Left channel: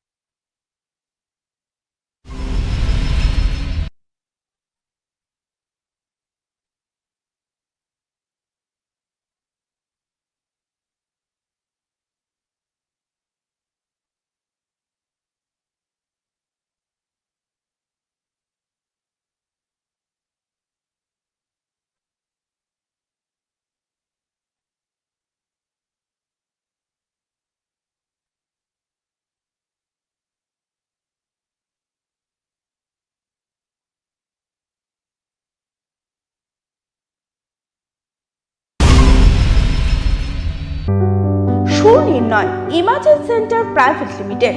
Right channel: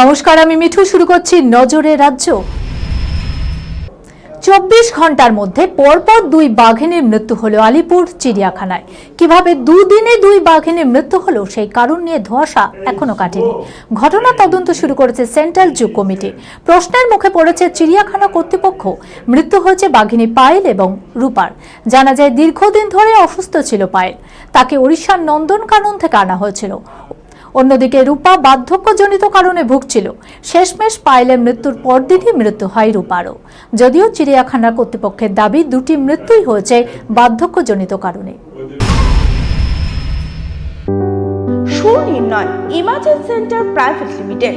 নমস্কার, আমি মিঠু। শুরু করছি নজরে রাজ্য। চব্বিশ ঘণ্টার মধ্যে পরপর দুই বাঘিনীর মৃত্যু হলো আলিপুর, চিড়িয়াখানায়। কীভাবে দুদিনে দুই বাঘিনীর মৃত্যু হলো, সেই কারণ নিয়ে ধোঁয়াশা এখনও কাটেনি। ঘটনা তদন্ত শুরু করেছে সেন্ট্রাল জু কমিটি। প্রশ্নের মুখে পড়েছে, চিড়িয়াখানা কর্তৃপক্ষ মৃত্যু হয়েছে বাঘিনী পায়েল এবং রূপার। জানা যায়, দীর্ঘদিন ধরে অসুস্থ ছিল পায়েল। তাকে ওড়িশার নন্দনকানন থেকে আনা হয়েছিল। অন্যদিকে রূপা বার্ধক্যজনিত কারণে ভুগছিল। শেষমেশ পায়েলের মৃত্যুর পরদিনই মৃত্যু হয় রূপারও। যদিও চিড়িয়াখানা কর্তৃপক্ষের দাবি, দুটি মৃত্যুই হয়েছে বার্ধক্যজনিত কারণে। Sunirnoy emergency centre private limited.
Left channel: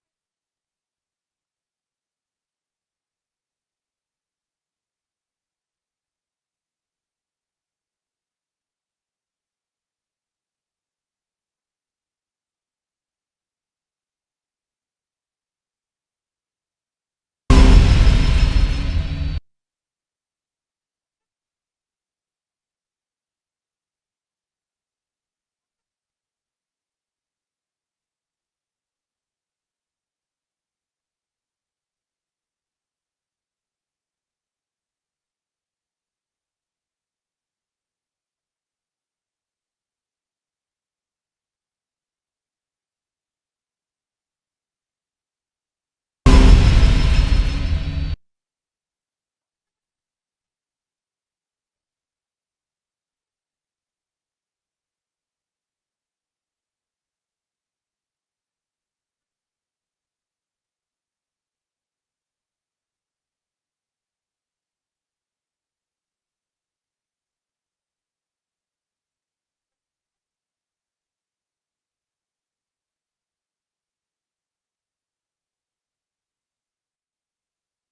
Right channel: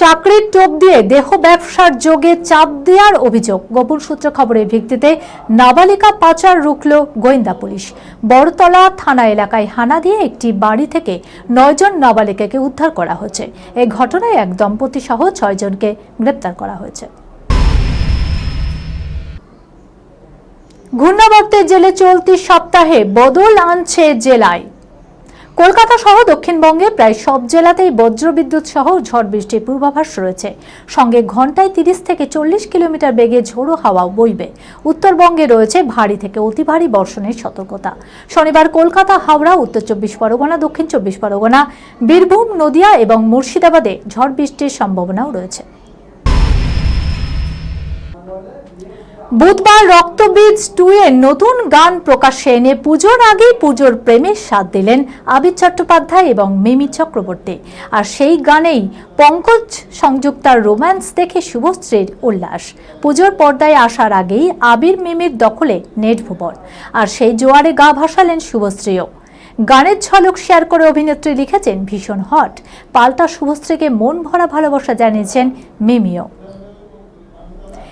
চাকরির টোপ দিয়ে দেহ ব্যবসার যোগে চাপ দেওয়ার অভিযোগ। গোপন সূত্র খবরের ভিত্তিতে নাবালিকা পাচার রুখল গোয়েন্দা পুলিশ। বড়তলা থানা এলাকায় হানা দিয়ে একটি বাড়ি থেকে নয়জন নাবালিকাকে উদ্ধার করা হয়েছে। এই ঘটনায় এক দম্পতি সহ ছয়জনকে গ্রেপ্তার করা হয়েছে। ঘূর্ণাবর্তের জেলে চলতি সপ্তাহে বদল আনছে জেলায়। কলকাতা সহ দক্ষিণবঙ্গে প্রায় সব জেলাতেই বজ্রবিদ্যুৎ সহ ঝড় বৃষ্টির পূর্বাভাস রয়েছে। সঙ্গে ঘন্টায় তিরিশ থেকে চল্লিশ কিলোমিটার বেগে ঝোড়ো হাওয়াও বইবে। উত্তরবঙ্গে রয়েছে ভারী থেকে অতি ভারী বর্ষণের সতর্কতা। শনিবার কলকাতা, হাওড়া, উত্তর চব্বিশ পরগনা, দক্ষিণ চব্বিশ পরগনা, বীরভূম, নদিয়া এবং মুর্শিদাবাদে ঝড় বৃষ্টির সম্ভাবনাও রয়েছে। বুধবার রক্তবীজ টু এর নতুন গান প্রকাশ্যে এনে পুজোর আগেই পুজোর প্রেমের স্বাদ দিলেন আবির চট্টোপাধ্যায় এবং মিমি চক্রবর্তী। আর সেই গানেই পঙ্কজ সংযুক্তার রোম্যান্স দেখে শুভশ্রীর উল্লাস। পুজোর পর্দায় আসার আগেই আবির মিমির দখলে নেট ভুবন। আর সেই জোয়ারে গা ভাসালেন শুভশ্রীও। গানের ঝলক শেয়ার করে অভিনেত্রী লিখেছেন ভীষণ হট। পাল্টা শুভশ্রীকে মন ভরা ভালোবাসা জানিয়েছেন মিমিও।